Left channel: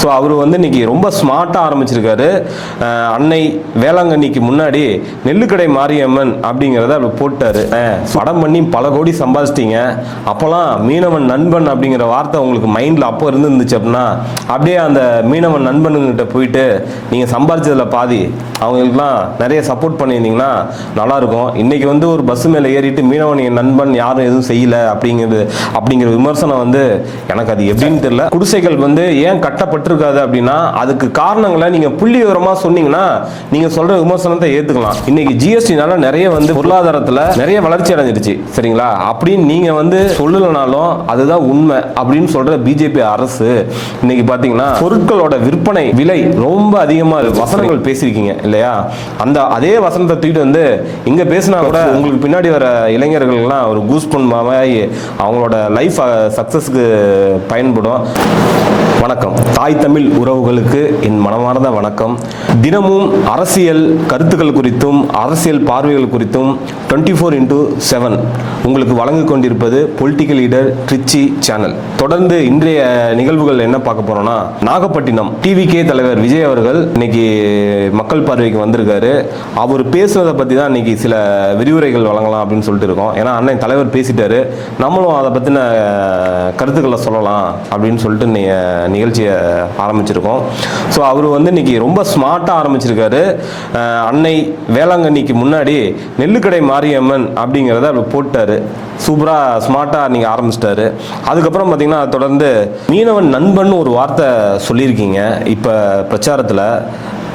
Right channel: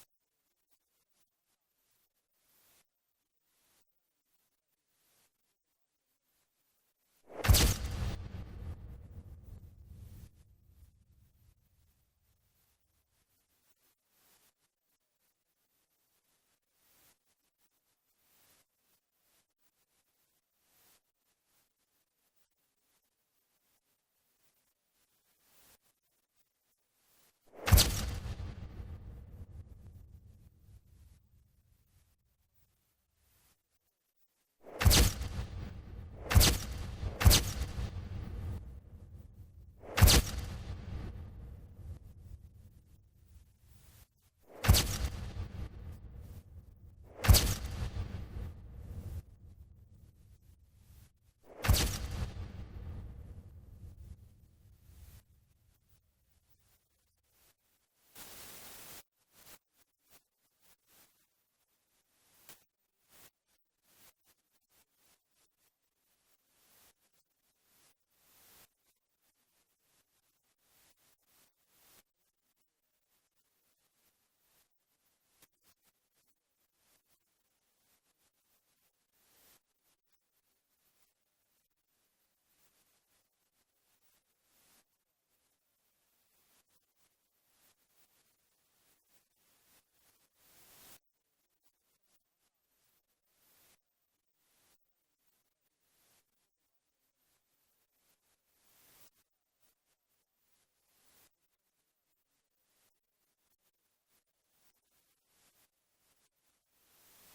So அவர் வந்து இன்னைக்கு ரொம்ப ஸ்மார்ட்டாக ஆரம்பிச்சிருக்காரு. அன்னை வேளாங்கண்ணிக்கு முன்னாடி நெல்லுக்கடை மாரியம்மன் அப்படிங்கிறத அவர் போட்டாரு. படம் பண்ணி பல கோடி சம்பாதிச்சிட்டீங்க. அப்போல்லாம் மீனவன் நண்பன் அப்படிங்கிற வார்த்தை உங்களுக்கு மைண்டில் அப்போ இருந்துச்சு அப்படின்னா அப்படியே அந்த மீனவன் நண்பனுங்கிட்ட போயிட்டு நீங்கள் சம்பாதிச்சதில் பாதி அவங்களுக்குலாம் நிறைய சப்போர்ட் பண்ணியிருந்தீங்கன்னா நல்லாயிருக்கும். இன்றைக்கி வந்து ஒரு பஸ் மேலே ஏறிட்டு மீனவன் என் நண்பன் யாரும் எதுவும் செய்யலை அப்படிங்கிற விமர்சனம் வந்து எனக்கு அது எப்படின்னு தெரியல. குடிசைகள் வந்து ஏன் கட்டப்பட்டிருக்காது அப்படின்னா அதுக்கு காரணங்களை நீங்கள் புள்ளி விவரமாக சொன்னீங்கன்னா நீங்கள் சொல்கிற விமர்சனத்தை ஏற்றுக்கலாம். இன்னைக்கு ஜிஎஸ்டினால நிறைய வந்து பொருளாதாரத்தில் நிறைய வளர்ச்சி அடைஞ்சிருச்சு சரிங்களா. அப்படின்னு நீங்கள் வந்து சொல்லலைனாலும் அதுதான் உண்மை அப்படின்னு சொல்கிற பிஜேபி அரசு இன்னைக்கு பார்த்தீங்கன்னா பொருட்களோட விற்பனை விலை ரொம்ப அதிகமாக இருக்கு. வசனங்கள் பேசியிருக்கீங்க இல்லையா, அந்த அதே வசனத்தை தூக்கிட்டு வந்து இங்கே பேசினா கூட உங்களுக்கு பின்னாடி வர இளைஞர்கள்லாம் ஒரு கூஸ் பண்ணாமல் அவங்களோட லைஃப் சக்ஸஸ்க்கு பயன்படும். வணக்கம் தாய் தமிழ் உறவுகளுக்கு என் மனமார்ந்த வணக்கம். தினமும் அரசியல் கருத்துக்கள் குறித்தும் அரசியல் பார்வைகள் குறித்தும் 24x7 உங்களுக்கு வழங்கிக் கொண்டிருப்பது பொலிட்டிக்கல் லீடர் ட்ரிச்சி சேனல். தொடர்ந்து இன்றைய நிகழ்வுகள் என்ன பார்க்க போறோம்னா, நாகப்பட்டினம் டிவிகே தலைவர் விஜய் அவர்கள் இன்னைக்கு மக்கள் பார்வைக்கு வந்திருக்காரு. அவர் பேசுறதை பற்றி தான் இன்னைக்கு சில விரிவுரைகள் வழங்கலாம் அப்படின்னு சொல்லிட்டு இருக்கோம். ஏன்னா அண்ணன் தலைவர் பேசிட்டாரு, நம்மளும் அதை பற்றின கருத்துக்களை சொல்லலாம் அப்படின்னு சொல்லிட்டு நிகழ்ச்சியை ஆரம்பிச்சிருக்கோம். ஸோ அவர் வந்து இன்னைக்கு ரொம்ப ஸ்மார்ட்டாக ஆரம்பிச்சிருக்காரு. அன்னை வேளாங்கண்ணிக்கு முன்னாடி நெல்லுக்கடை மாரியம்மன் அப்படிங்கிறத அவர் போட்டாரு. சூப்பராக ஸ்மார்ட்டாக நீங்கள் ஆரம்பிச்சிட்டாரு. அதுக்கப்புறம் பார்த்தீங்கன்னா தொடர்ந்து மீனவன் நண்பன் ஒரு வார்த்தை சொல்லியிருக்கீங்க. இப்போ பிரச்சாரத்தில்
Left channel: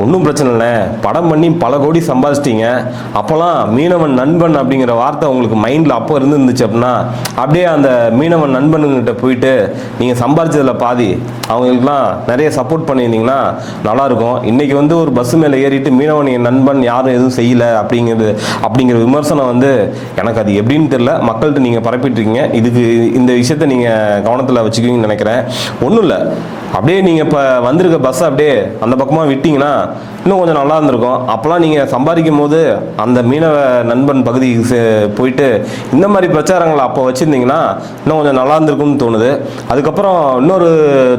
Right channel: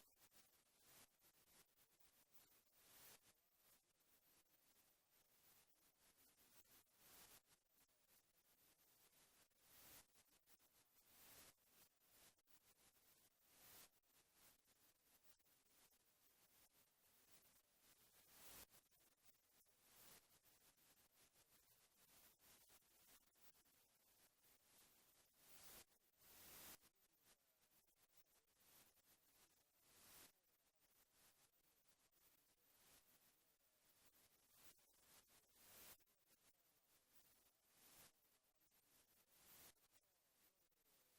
ஒன்றும் பிரச்சனை இல்லை, படம் பண்ணி பல கோடி சம்பாதிச்சிட்டீங்க. அப்போல்லாம் மீனவன் நண்பன் அப்படிங்கிற வார்த்தை உங்களுக்கு மைண்டில் அப்போ இருந்துச்சு அப்படின்னா அப்படியே அந்த மீனவன் நண்பனுங்கிட்ட போயிட்டு நீங்கள் சம்பாதிச்சதில் பாதி அவங்களுக்குலாம் நிறைய சப்போர்ட் பண்ணியிருந்தீங்கன்னா நல்லாயிருக்கும். இன்றைக்கி வந்து ஒரு பஸ் மேலே ஏறிட்டு மீனவன் என் நண்பன் யாரும் எதுவும் செய்யலை அப்படிங்கிற விமர்சனம் வந்து எனக்கு அது எப்படின்னு தெரியல. மக்கள்கிட்ட நீங்கள் பரப்பிட்டுருக்கீங்க. இதுக்கு இந்த விஷயத்தை நீங்கள் கவனத்தில் வச்சுக்குவீங்கன்னு நினைக்கிறேன். ஒன்றும் இல்லை, அப்படியே நீங்கள் இப்போ வந்திருக்க பஸ்ஸை அப்படியே அந்த பக்கமாக விட்டிங்கன்னா இன்னும் கொஞ்சம் நல்லா இருந்திருக்கும். அப்போலாம் நீங்கள் சம்பாதிக்கும் போது அந்த மீனவ நண்பன் பகுதிக்கு போயிட்டு இந்த மாதிரி பிரச்சாரங்களை அப்போ வச்சுருந்தீங்கன்னா இன்னும் கொஞ்சம் நல்லா இருந்திருக்கும்னு தோணுது. அதுக்கப்புறம்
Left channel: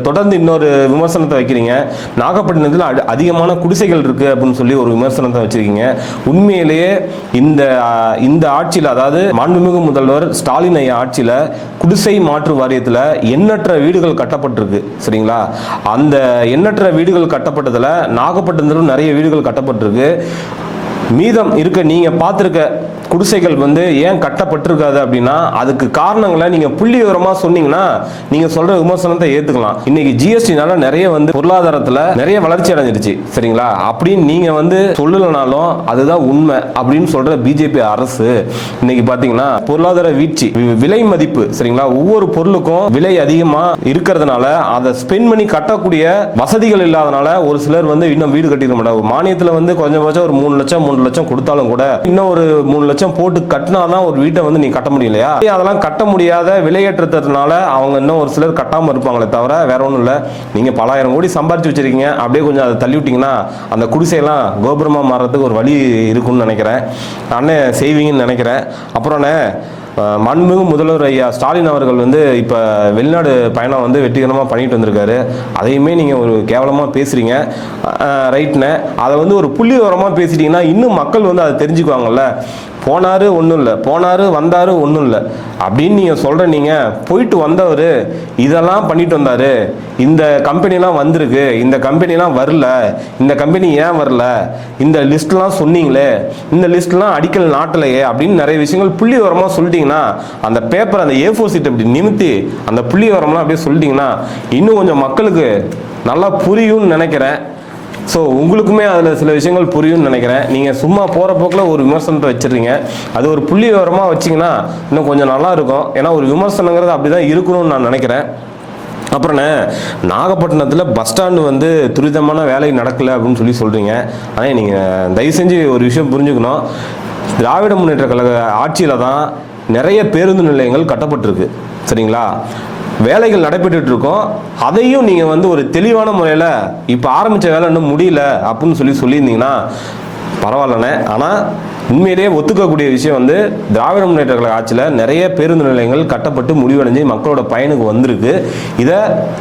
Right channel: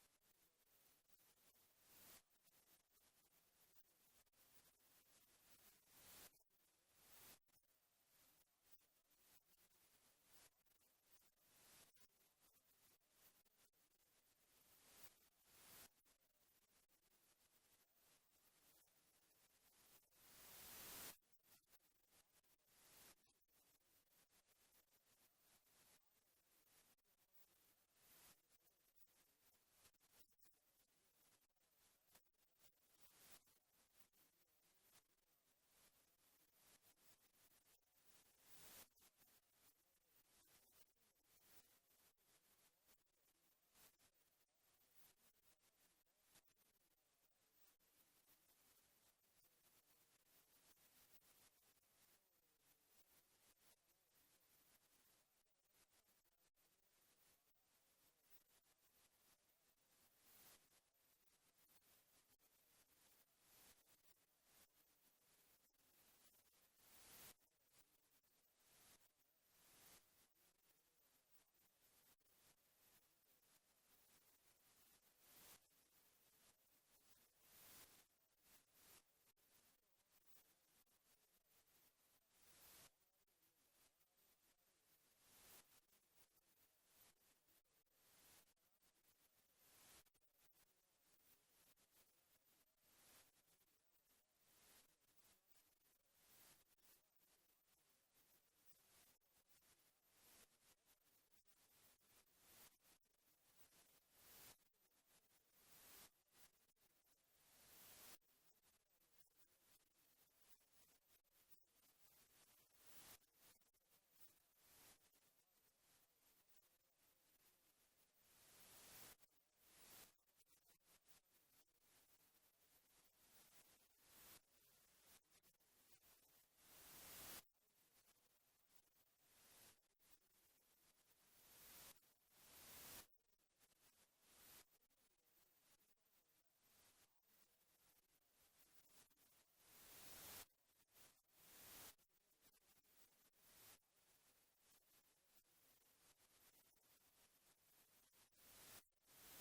தொடர்ந்து இன்னொரு விமர்சனத்தை வைக்கிறீங்க. நாகப்பட்டினத்தில் அதிகமான குடிசைகள் இருக்குது அப்படின்னு சொல்லி ஒரு விமர்சனத்தை வச்சுருக்கீங்க. உண்மையிலேயே இந்த ஆட்சியில், அதாவது மாண்புமிகு முதல்வர் ஸ்டாலின் ஐயா ஆட்சியில் குடிசை மாற்று வாரியத்தில் எண்ணற்ற வீடுகள் கட்டப்பட்டிருக்கு சரிங்களா. அந்த எண்ணற்ற வீடுகள் கட்டப்பட்டதில் நாகப்பட்டினத்திலும் நிறைய வீடுகள் கட்டப்பட்டிருக்கு. மீதம் இருக்க நீங்க பார்த்திருக்க குடிசைகள் வந்து ஏன் கட்டப்பட்டிருக்காது அப்படின்னா அதுக்கு காரணங்களை நீங்க புள்ளி விவரமா சொன்னீங்கன்னா நீங்க சொல்ற விமர்சனத்தை ஏத்துக்கலாம். இன்னைக்கு ஜிஎஸ்டினால நிறைய வந்து பொருளாதாரத்துல நிறைய வளர்ச்சி அடைஞ்சிருச்சு சரிங்களா. அப்படின்னு நீங்க வந்து சொல்லலனாலும் அதுதான் உண்மை அப்படின்னு சொல்ற பிஜேபி அரசு இன்னைக்கு பாத்தீங்கன்னா பொருளாதார வீழ்ச்சி, விலை மதிப்பு சரிங்களா, ஒவ்வொரு பொருளுக்கும் விலை அதிகமா இருக்கிறதுனால அதை ஸ்பெண்ட் பண்ணி கட்டக்கூடிய வசதிகள் இல்லாதனால ஒரு சிலர் வந்து இன்னும் வீடு கட்டிட மாட்டாங்க. மானியத்துல வந்து கொஞ்சம் ஒரு 3 லட்சம் கொடுத்தாலும் கூட இன்னும் ஒரு 3 லட்சம் போட்டு கட்டினாதான் ஒரு வீட்டை வந்து நீ கட்ட முடியலையா. அதெல்லாம் கட்ட முடியாத விலையேற்றத்தினால அவங்க இன்னும் ஒரு சிலர் கட்டாம இருப்பாங்களே தவிர வேற ஒன்றும் இல்லை. நீங்க பல ஆயிரம் கோடி சம்பாதிச்சு வச்சிருக்கீங்க, அப்படியே கொஞ்சம் அதை தள்ளி விட்டீங்கன்னா அந்த குடிசையெல்லாம் கோபுரமா மாறுறதுக்கு ஒரு வழி இருக்குன்னு நினைக்கிறேன். அண்ணன் செய்வீங்கன்னு நினைக்கிறேன். அப்புறம் மாண்புமிகு முதல்வர் ஐயா ஸ்டாலின் அவர்கள் வந்து இப்போ வெளிநாடு பயணம் வந்து வெற்றிகரமாக பண்ணிட்டு வந்திருக்காரு. அதையுமே நீங்கள் ஒரு கேவலமாக பேசுகிறீங்க. ரைட்னு அதை வந்து ஒரு புள்ளி விவரமாக பேசிட்டீங்கன்னா இன்னும் மக்கள் வந்து அதை தெரிஞ்சுக்குவாங்கல்ல. போனாரு ஒன்றும் இல்லை, போனாரு வந்தாரு ஒன்றும் இல்லை அப்படின்னு நீங்கள் சொல்கிற, நீங்கள் போயிட்டு வந்தவர் இதெல்லாம் பண்ணிட்டு வந்தார், இந்த கம்பெனிலாம் வந்திருக்கு, இந்த கம்பெனிலாம் வரல, இந்த கம்பெனி ஏன் வரல, இந்த லிஸ்ட்லாம் சொன்னீங்களே, இந்த லிஸ்ட்லாம் அடிக்கல் நாட்டலையே அப்படின்னு நிறைய விஷயங்கள் புள்ளி விவரமாக சொல்லிட்டீங்கன்னா அந்த பேப்பர் அந்த A4 சீட் அப்படி நிமித்தி அந்த புள்ளி விவரம்லாம் அப்படியே சொல்லிட்டீங்கன்னா இன்னும் கொஞ்சம் மக்களுக்கு நல்லா புரியும்னு நினைக்கிறேன். ஸோ உங்களுக்குமே அதில் சில விஷயங்கள் புரியும்னு நினைக்கிறேன். நீங்கள் சும்மா போகிற போக்கில் ஒரு விமர்சனத்தை வச்சுருக்கீங்க, அது ஒரு புள்ளி விவரமாக வச்சிங்கன்னா இன்னும் கொஞ்சம் நல்லா இருக்கும். ஏன்னா ஒரு விமர்சனங்கிறது அப்படி தான் இருக்கணும்னு நான் நினைக்கிறேன். அப்புறம் நாகப்பட்டினத்தில் பஸ் ஸ்டாண்டு வந்து துரிதமான வேலை நடக்கலை அப்படின்னு சொல்கிறீங்க. ஆனால் நீங்கள் தயவு செஞ்சு ஒரு விஷயம் புரிஞ்சுக்கணும். திராவிட முன்னேற்ற கழக ஆட்சியில் தான் நிறைய பேருந்து நிலையங்கள் கட்டப்பட்டிருக்கு சரிங்களா. வேலைகள் நடைபெற்று இருக்கோம். அதையும் நீங்கள் வந்து ஒரு தெளிவான முறையில் இப்போ ஆரம்பித்த வேலை இன்னும் முடியல அப்படின்னு சொல்லியிருந்தீங்கன்னா பரவாயில்லண்ணே. ஆனால் உண்மையிலேயே ஒத்துக்கக்கூடிய விஷயம் வந்து திராவிட முன்னேற்ற கழக ஆட்சியில் நிறைய பேருந்து நிலையங்கள் கட்டப்பட்டு முடிவடைஞ்சு மக்களோட பயனுக்கு வந்திருக்கு. இதை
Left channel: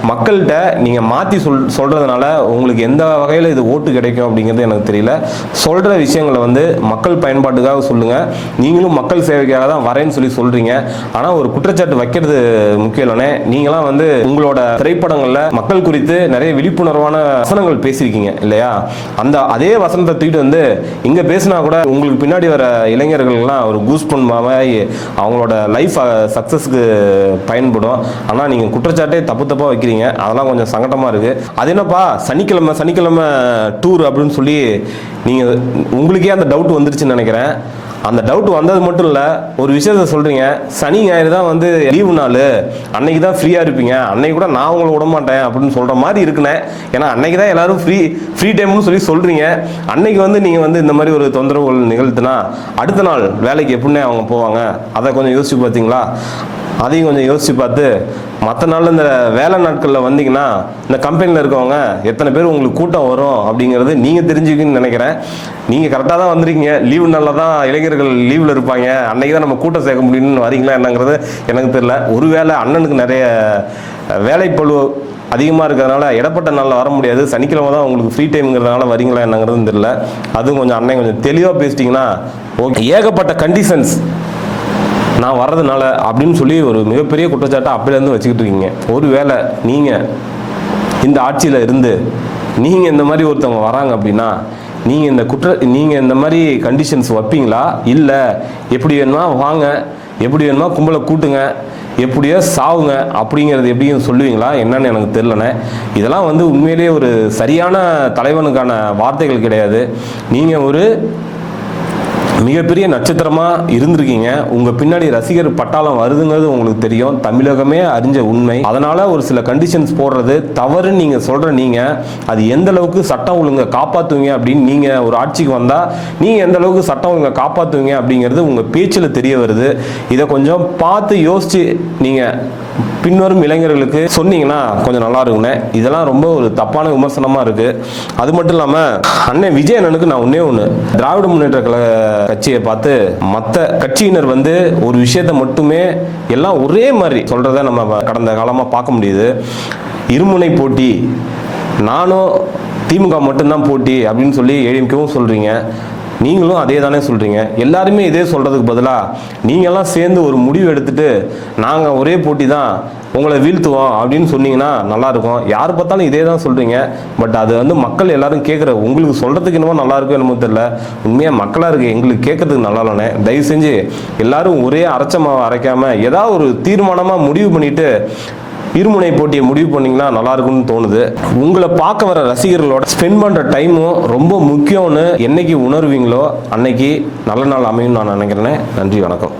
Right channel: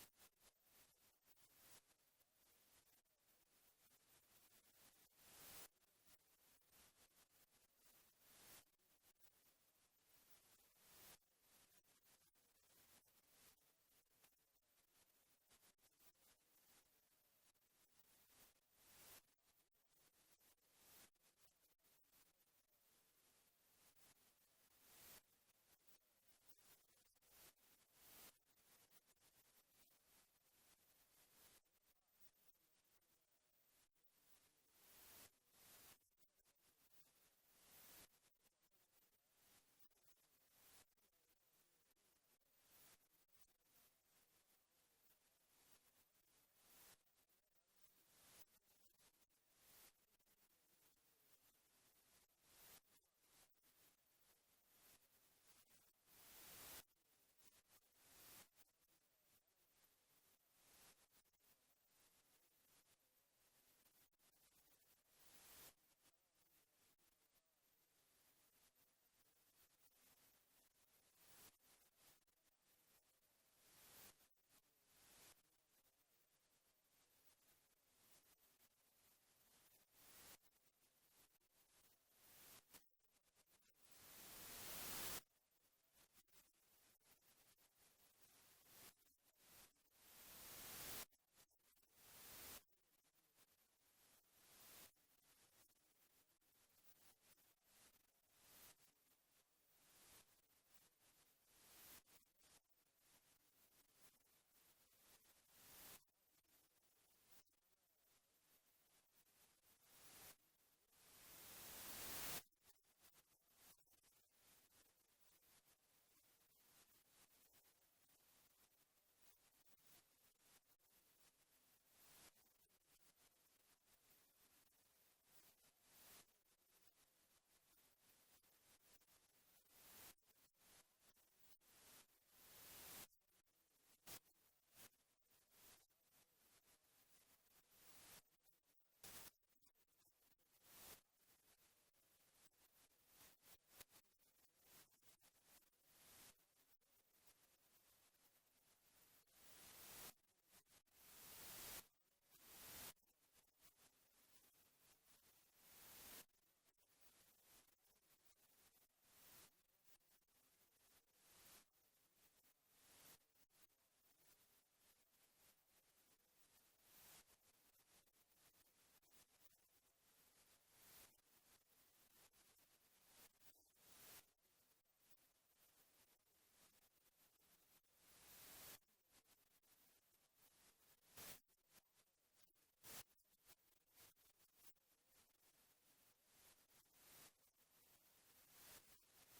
மக்கள்கிட்ட நீங்கள் மாற்றி சொல்கிறதுனால உங்களுக்கு எந்த வகையில் இது ஓட்டு கிடைக்கும் அப்படிங்கிறது எனக்கு தெரியல. சொல்கிற விஷயங்களை வந்து மக்கள் பயன்பாட்டுக்காக சொல்லுங்கள். நீங்களும் மக்கள் சேவைக்காக தான் வரேன்னு சொல்கிறீங்க. ஆனால் ஒரு குற்றச்சாட்டு வைக்கிறது முக்கியம் இல்லைனே. நீங்களாம் வந்து உங்களோட திரைப்படங்களில் மக்கள் குறித்து நிறைய விழிப்புணர்வான வசனங்கள் பேசியிருக்கீங்க இல்லையா? அதே வசனத்தை தூக்கிட்டு வந்து இங்கே பேசினா கூட உங்களுக்கு பின்னாடி வர இளைஞர்கள்லாம் ஒரு கூஸ் மாதிரி அவங்களோட லைஃப் சக்ஸஸ்க்கு பயன்படும். ஆனால் நீங்கள் குற்றச்சாட்டே தப்பாக வைக்கிறீங்க. அதெல்லாம் கொஞ்சம் சங்கடமாக இருக்குது. அது என்னப்பா சனிக்கிழமை டூர் அப்படின்னு சொல்லி நீங்கள் உங்களுக்கே அந்த டவுட் வந்துருச்சுன்னு நினைக்கிறேன். அந்த டவுட் வந்தது மட்டும் இல்லை, ஒரு விஷயத்த சொல்கிறீங்க, சனி ஞாயிறு தான் வந்து லீவு நாள், அன்னைக்கு தான் ஃப்ரீயாக இருப்பீங்க, அன்னைக்கு கூட நான் உங்களை விட மாட்டேன் அப்படின்னு சொல்கிற மாதிரி இருக்குண்ணே. ஏன்னா அன்னைக்கு தான் எல்லாரும் ஃப்ரீ டைம்னு சொல்கிறீங்க. அன்னைக்கு வந்து நீங்கள் வந்து இந்த மாதிரி ஒரு தொந்தரவுகள் நிகழ்த்துனா அடுத்த நாள் வேலைக்கு எப்படின்னே அவங்க போவாங்க? அதை கொஞ்சம் யோசிச்சு பார்த்தீங்களா? அதையும் கொஞ்சம் யோசிச்சு பார்த்து மற்ற நாளில் இந்த வேலை நாட்களில் வந்தீங்கன்னா இந்த கம்பெனியில் இருக்கவங்க எத்தனை பேர் உங்களுக்கு கூட்டம் வரும் அப்படிங்கிறது நீங்கள் தெரிஞ்சுக்கின்னு நினைக்கிறேன். நீங்கள் கரெக்டாக தான் வந்திருக்கீங்க. லீவு நாளில் தான் இளைஞர்கள் லீவில் இருப்பாங்க, அன்றைக்கி தான் நம்ம கூட்டம் சேர்க்க முடியும்னு வரீங்களா என்னங்கிறது எனக்கு தெரியல. ஒருவேளை அண்ணனுக்கு நிறைய வேலைப்பளு அதிகமாக இருக்கிறதுனால இடப்பட்ட நாளில் வர முடியாது, சனிக்கிழமை தான் உங்களுக்கு ஃப்ரீ டைம்ங்கிறதுனால வரீங்களா என்னங்கிறது தெரியல. அதுவும் கொஞ்சம் அண்ணன் கொஞ்சம் தெளிவாக பேசிட்டிங்கன்னா ஓகே. ஏகப்பட்ட கண்டிஷன்ஸ் நான் வர்றதுனால அப்படின்னு சொல்லி ஒரு மிகப்பெரிய குற்றச்சாட்டை அப்படிலேருந்து வச்சுக்கிட்டு இருக்கீங்க. ஒருவேளை நீங்கள் இந்த ஆட்சியில் இருந்து நீங்கள் இந்த மாதிரி ஒருத்தவங்க வராங்க அப்படின்னா நீங்கள் இந்த மாதிரி கண்டிஷன்ஸ் வைப்பீங்களா? இல்லை எப்படி வேணுமா வாங்க, எப்படி வேணுமா கும்பலை கூட்டுங்க, எப்படியோ சாவுங்க அப்படிங்கிறது எப்படின்னு சொல்லுவீங்களா என்னன்னு எனக்கு தெரியலண்ணே. இதெல்லாம் வந்து உண்மையிலேயே ஒரு சரியான தலைவனுக்கான வார்த்தைகள் கிடையாது. நீங்கள் ஒரு மிகப்பெரிய நட்சத்திரமாக இருந்திருக்கீங்க. உங்கள் பின்னாடி ரசிகர் பட்டாளம் வருதுங்கிறது உங்களுக்கு தெரியும், தமிழகமே அறிஞ்ச உண்மை. அதனால் ஒரு சில கண்டிஷன்ஸ் போடுறது தவறுன்னு நீங்கள் சொல்கிற நீங்கள் அது எந்த அளவுக்கு சட்டம் ஒழுங்கை காப்பாற்றுவீங்க அப்படின்னு நீங்கள் ஒரு ஆட்சிக்கு வந்தால் நீங்கள் எந்த அளவுக்கு சட்டம் ஒழுங்கை காப்பாற்றுவீங்க அப்படிங்கிறது உங்கள் பேச்சில் தெரிய வருது. இதை கொஞ்சம் பார்த்து யோசித்து நீங்கள் பின்வரும் இளைஞர்களுக்கு சொன்னீங்கன்னா கொஞ்சம் நல்லா இருக்குண்ணே. இதெல்லாம் ரொம்ப ஒரு தப்பான விமர்சனமாக இருக்குது. அது மட்டும் இல்லாமல் அண்ணன் விஜய் அண்ணனுக்கு நான் ஒன்று திராவிட முன்னேற்ற கழக கட்சியை பார்த்து மற்ற கட்சியினர் வந்து ஒரு விஷயத்த மட்டுமே எல்லாம் ஒரே மாதிரி சொல்கிறத நம்ம கடந்த காலமாக பார்க்க முடியுது. இருமுனை போட்டி, நானும் திமுக மட்டும்தான் போட்டி அப்படின்னு சொல்லி ஏடிஎம்கேவும் சொல்கிறீங்க, நீங்களும் அதே தானே சொல்கிறீங்க. எல்லாருமே இதே சொல்கிறதுக்கு பதிலாக நீங்கள்லாம் சேர்ந்து ஒரு முடிவு எடுத்துட்டு நாங்கள் ஒரே போட்டி தான் உங்களை வீழ்த்துவோம் அப்படின்னு சொன்னீங்கன்னா நல்லாயிருக்கும். யார் பார்த்தாலும் இதே தான் சொல்கிறீங்க. பட் அது வந்து மக்கள் எல்லாரும் கேட்குற உங்களுக்கு சொல்கிறதுக்கு என்னமோ நல்லாயிருக்கும் என்னமோ தெரியல. உண்மையாக மக்களாக இருக்குது, எங்களுக்கு கேட்கறதுக்கு நல்லா இல்லைண்ணே. தயவு செஞ்சு எல்லாரும் ஒரே அரைச்ச மாவை அரைக்காமல் ஏதாவது ஒரு தீர்மானமாக முடிவு பண்ணிவிட்டு இருமுனை போட்டியை முடிவு பண்ணிங்கன்னா நல்லா இருக்கும்னு தோணுது. உங்களை பார்க்க வர ரசிகர்களோட ஸ்பெண்ட் பண்ணுற டைமும் ரொம்ப முக்கியம்னு என்னைக்கு உணர்வீங்களோ அன்னைக்கு நல்ல நாள் அமையும் நான் நினைக்கிறேன். நன்றி, வணக்கம்.